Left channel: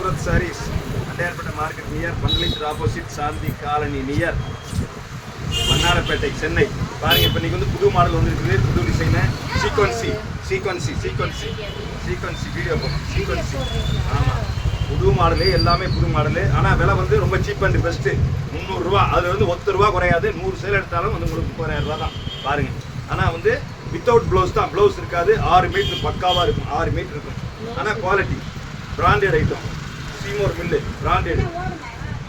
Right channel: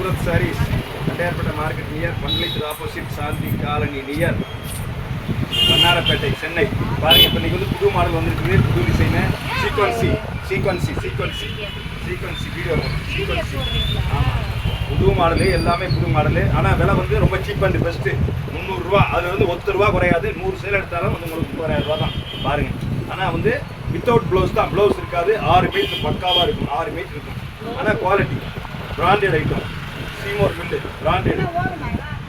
Surat sarees Tondiarpet market near பண்டலித் opposite Shanthi colony near Vannarapettai Chennai. பாருங்க இப்போ இன்னைக்கு வந்து புது மாடல் வந்துருக்குது, புது டிசைனு சீக்வன்சி வீடியோ போடுறோம். சீக்வன்சி ஆமாம், புது மாடலு, எல்லாமே புது மாடலு. ஆனால் விலை வந்து ரொம்ப சீப் அண்ட் பெஸ்ட்டு. 300 ரூபா, அதில் வந்து 1 ரூபா குறையாது. 100 சேல் எடுத்தாலும் வந்து உங்களுக்கு 30,000 ரூபா தான் பாருங்கள். ஆனால் வந்து வித்தவுட் ப்ளவுஸ் தான், ப்ளவுஸ் இருக்காது. 6 மீட்டர் பக்காவாக இருக்கும், 6 மீட்டர் இருக்கும். ஆனால் குவாலிட்டி பிராண்டட் ஐட்டம், சீமோர் மில்லு பிராண்டட்.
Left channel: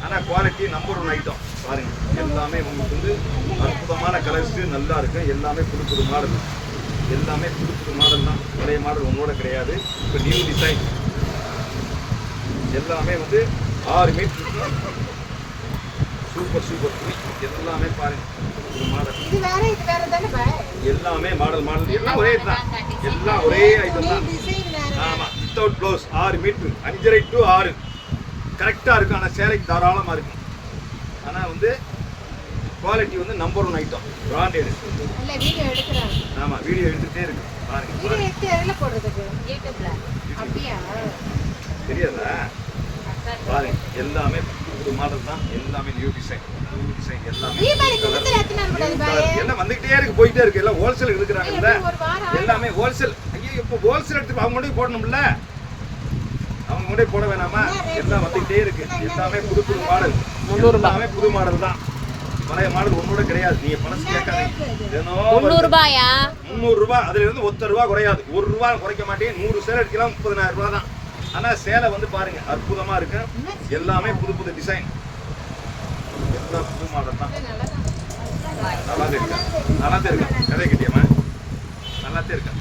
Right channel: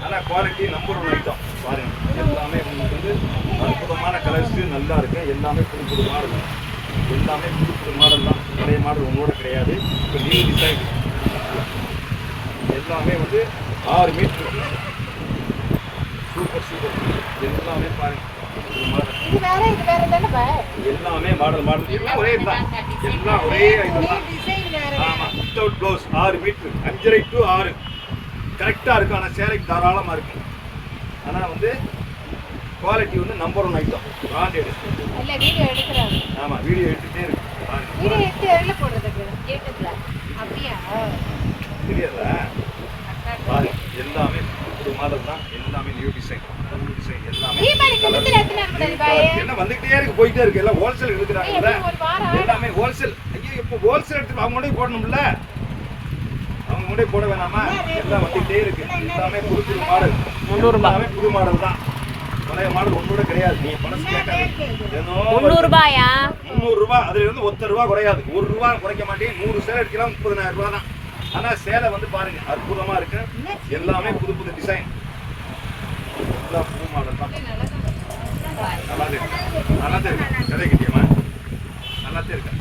ஆனால் குவாலிட்டி நம்பர் 1 ஐட்டம் பாருங்கள். எல்லாமே உங்களுக்கு வந்து அற்புதமான கலர்ஸு நல்லா இருக்கும். எல்லாமே புது புது மாடல், எல்லாமே புது புது மாடல் தான். பழைய மாடல் ஒன்றோட கிடையாது. இப்போ நியூ டிசைன் எல்லாமே வந்து 6 மீட்டர் இருக்கும். சூப்பர் எல்லாமே பாருங்க, புது மாடல். எல்லாமே மாடல் எல்லாம் ஒரே தான், எல்லாம் ஒரே ஐட்டம் தான். ஆமாம், வித்தவுட் ப்ளவுஸ் 6 மீட்டர் 5.5 to 6 கரெக்டாக இருக்கும். ஆனால் சேலைக்கு தாராளமாக இருக்கும். ஆனால் வந்து குவாலிட்டி வந்து நம்பர் 1 ஐட்டம், பிராண்டட். ஆமாம், வீடியோ எடுத்துகிட்டே இருக்கு பாருங்க. தெரியாதா பாருங்க, எல்லாமே புது மாடல் தான். எல்லாமே நியூ டிசைன் எல்லாமே எல்லாம் வந்துகிட்டே இருக்கு, போயிட்டே இருக்கு. எல்லாம் ஹோல்சேல் எடுக்கிறாங்கல்ல, எல்லாமே ஹோல்சேல். ஐயோ, இப்போ ஹோல்சேல் எடுத்து அவங்க மட்டும் போடணும்ல, அவங்க மட்டும் போட வேணாமா? எல்லாம் வந்துகிட்டே இருக்கு. எல்லாமே புது புது மாடல், 300 ரூபாய் புது மாடல் தான். பழைய மாடல் ஒன்னோட கிடையாது. நீங்க பணம் கேட்காதீங்க. 300 ரூபாயா? 300 ரூபாய், அதுல இருந்து 1 ரூபா குறையாது. 1 ரூபா குறைக்க மாட்டேன். 100 சேலை எடுக்கலாம், 30,000 ரூபா தான். ஆனா சேலை வந்து பாருங்க அற்புதமா இருக்கு. எல்லாமே புது புது டிசைன், எல்லாம் புது மாடல் தான். நல்லாதான் இருக்கேன் கடை கிட்டியம்மா, நல்லாதான் இருக்கேன்.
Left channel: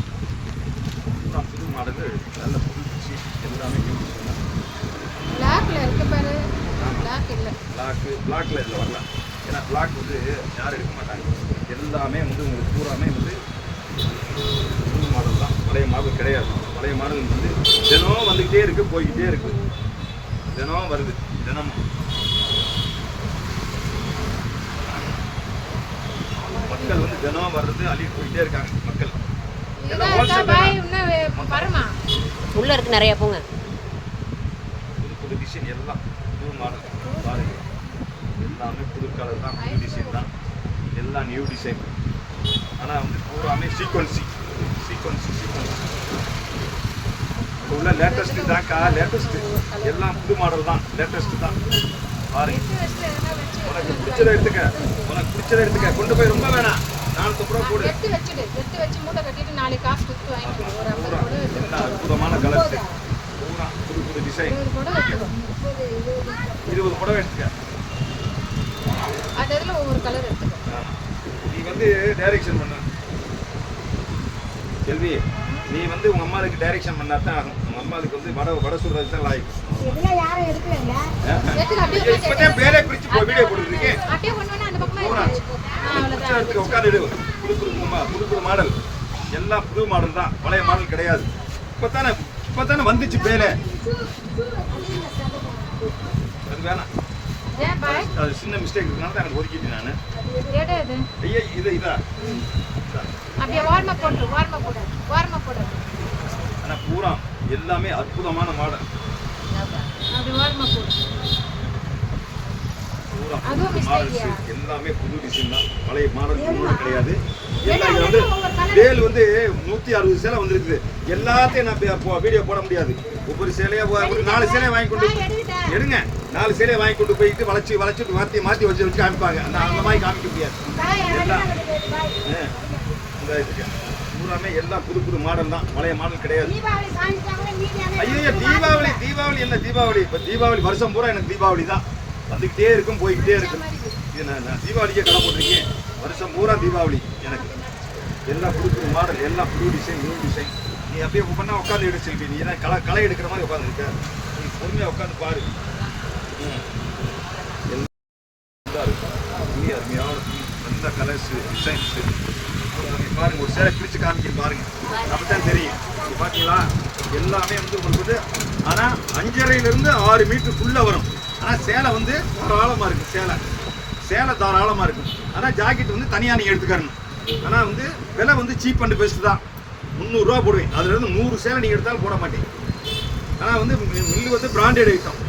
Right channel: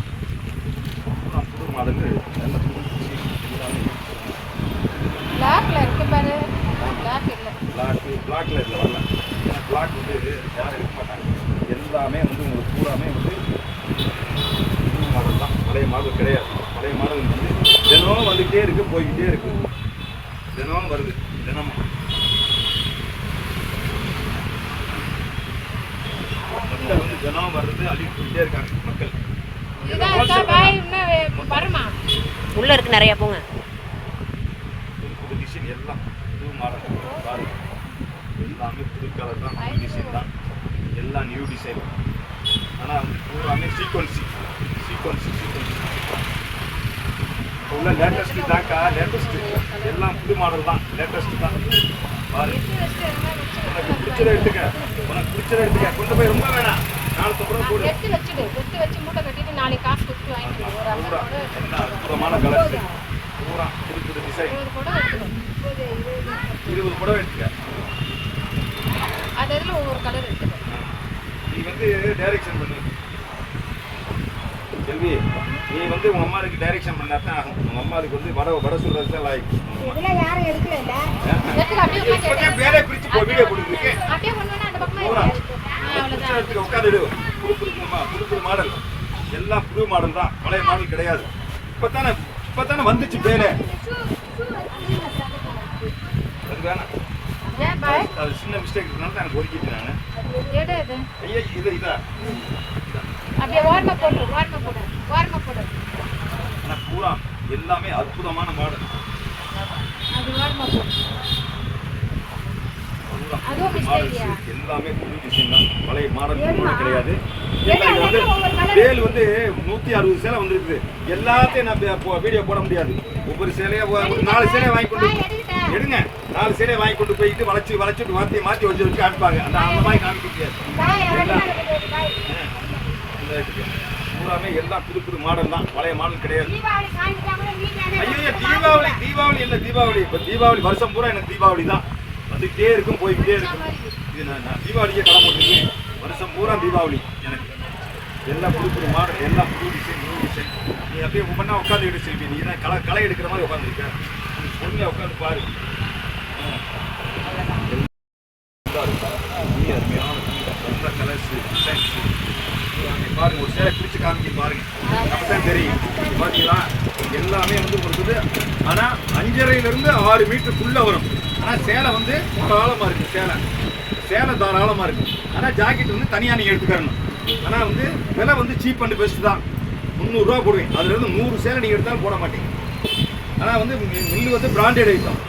புது மாடல், நல்ல புது டிசைன், எல்லாமே பிளாக்ல இதில் வரல. ஏன்னா பிளாக் வந்து யாரும் எடுக்க மாட்டாங்க. எல்லாமே வந்து உங்களுக்கு பூராமே வந்து புது மாடல் தான், பழைய மாடல் கிடையாது. பழைய மாடல் வந்து தினமும் வந்துக்கிட்டே இருக்கு, போய்கிட்டே இருக்கு. தினமும் வருது, தினமும் மக்கள் வந்து தினமும் வர்றது, அள்ளிட்டு போயிட்டே இருக்காங்க மக்கள். எல்லாம் உள்ள இருக்கு நிறைய. போங்க, புது புது டிசைன், எல்லாம் புது மாடல் பாருங்க. எல்லாமே புது கலர் தான், புது டிசைன் தான், எல்லாம் நியூ டிசைன். ஆனால் வந்து பூராமே சீக்வன்சி இப்போ உள்ள லேட்டஸ்ட்டு தான்க்கா, லேட்டஸ்ட்டு எல்லாம் புது மாடல் தான், லேட்டஸ்ட்டு தான் பாருங்க. உனக்கு பிடிச்சதை எடுத்துக்க, கொண்டு போய் ரொம்ப வேணாம், 450 ரூபா போடு. பூரா எல்லாம் அற்புதமான கலர்ஸ், பூரா புது புது டிசைன். 20 புடவை எடுத்துக்க. நீ வந்து டைரக்ஷன் பண்ணு செல்வி. நீ வந்து உங்க அம்மாவுக்கு டைரக்ஷன் பண்ணா தான் ஆகும். உங்க அம்மாவுக்கு வந்து வட சொல்றது தான் லாய்க்கு. இப்போதே பேரை பிரிச்சு போ, வீடியோ கொடுத்துருக்கு. உட்காந்து புது புது மாடல், எல்லாம் புது மாடல் தான், பழைய மாடல் கிடையாது. இப்பதானே வந்துச்சு பேரே. அது வேணாம், அது சின்ன மிஸ்டேக் இருக்கனால தான் எனக்கு ஒதுக்கிட்டு நான். ஐயா இதா ஆனால் பூரா எல்லாமே அற்புதமான மாடல். பூரா புது மாடல்ஸ், எல்லாமே புது டிசைன் தான், பழைய மாடல் ஒன்றோட கிடையாது. எல்லாம் இது வந்து வேல் வந்து 160 சேலை வந்துருக்குது. எல்லாத்தையும் நான் வீடியோ போட முடியாது. ஒவ்வொரு சேலையா ஒரு 4 சேலையை வாங்கி கொண்டு எடுங்க. 4 சேலையை வாங்கி கொண்டு போயிட்டு வளைச்சிட்டு மாற்றி வச்சு காமிப்பாங்க. அந்த மாதிரி காமிக்க முடியாது. எல்லாம் பூராமே எல்லாம் புது புது மாடல் தான், பழைய மாடல் கிடையாது. ஐயோ, தீபாவளி என்ன தீபாவளி? இப்போ தீபாவளி வருஷம் பூரா எனக்கு தீபாவளி தான், வந்துக்கிட்டே இருக்கும், போய்கிட்டே இருக்கும். இது நான் தீபாவளிக்கே கடை போட்டிருக்கேன். வருஷம் பூரா தீபாவளி எனக்கு. எல்லாம் புது புது மாடல், எல்லாம் புது டிசைன், நியூ டிசைன். நீ அப்படியே ஒவ்வொன்றா உட்காந்து எடுத்து செல்வி. நீ தான் களை எடுக்கிற மாதிரி உட்காந்துருக்க. நீ பொறுமையாக உட்காந்து பாரு. நீ அருமையான நல்ல கலர்ஸு, டிசைன்ஸு பாருங்க. ஒரு சேலை பிரித்து காமிக்க பாருங்க, அப்பதான் தெரியும். பார்த்தீங்களா, எல்லாமே வந்து உங்களுக்கு வந்து ஆனால் 5.5 to 6 மீட்டருக்குள்ளே வரும். ஆனால் சேலை வந்து தாராளமாக இருக்குது. சேலை தாராளமாக இருக்கும். ஆனால் ஜாக்கெட் வந்து தனியாக நீங்கள் எடுத்துக்கணும். ஆனால் வந்து விலை வந்து சீப் அண்ட் பெஸ்ட் தான். 300 ரூபா போடுவேன். அதுலேருந்து 100 சேலை நீங்கள் எடுத்தாலும் போட மாட்டீங்க. ஆனால் வந்து மில்லு வந்து பிராண்டட் ஐட்டம்.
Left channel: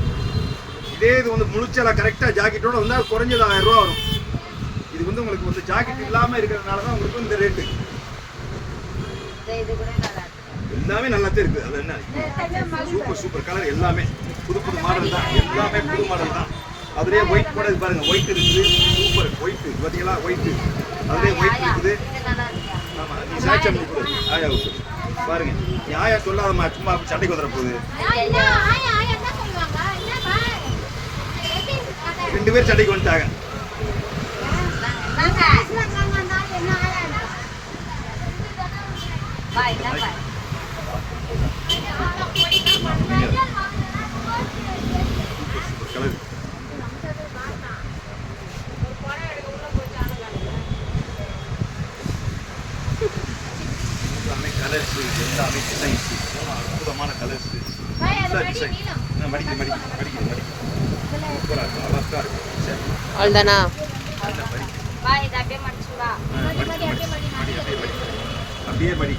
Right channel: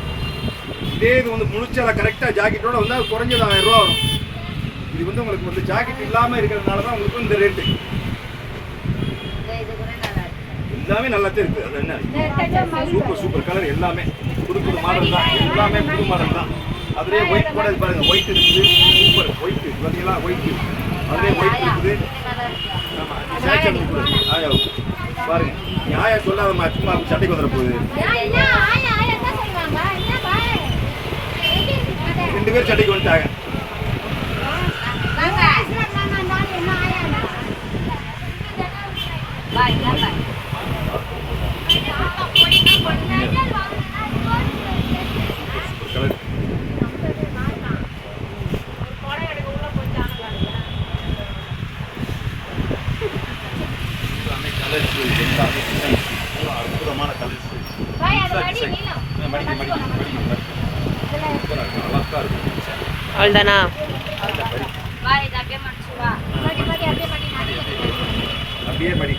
இதே இது வந்து முழுச்சலை கரெக்டாக ஜாக்கெட்டோட வந்தால் குறைஞ்சது 1000 ரூபா வரும். இது வந்து உங்களுக்கு வந்து ஜாக்கெட் இல்லாமல் இருக்கிறதுனால தான் உங்களுக்கு இந்த ரேட்டு. எல்லாமே நல்லாத்தான் இருக்குது. அது என்ன சூப்பர் கலர், எல்லாமே புது மாடல் தான், எல்லாமே புது மாடல் தான். அதுலேயே ஒயிட் கூட இது பாருங்கள், ஒயிட் இருக்குது, சூப்பர் ஒயிட் பார்த்தீங்களா, ஒயிட்டு அதுலேயே ஒயிட் இருக்குது. ஆமாம், நீ சேச்சம் பண்ணி கொடு ஆயாவுக்கு பாருங்க. நீ ஆயா சொல்லாதம்மா, சும்மா சண்டைக்கு வந்துட போகுது. 2 பேர் சண்டைக்கு வந்துட்டாங்க. Super colour. கலர்ஸ் எல்லாமே டிசைன்ஸ் பூரா அற்புதமான கலர்ஸ். மடிக்க சூப்பராக இருக்கும், அழகா இருக்கும். அவ்வளோதானா? அப்படியே மடி.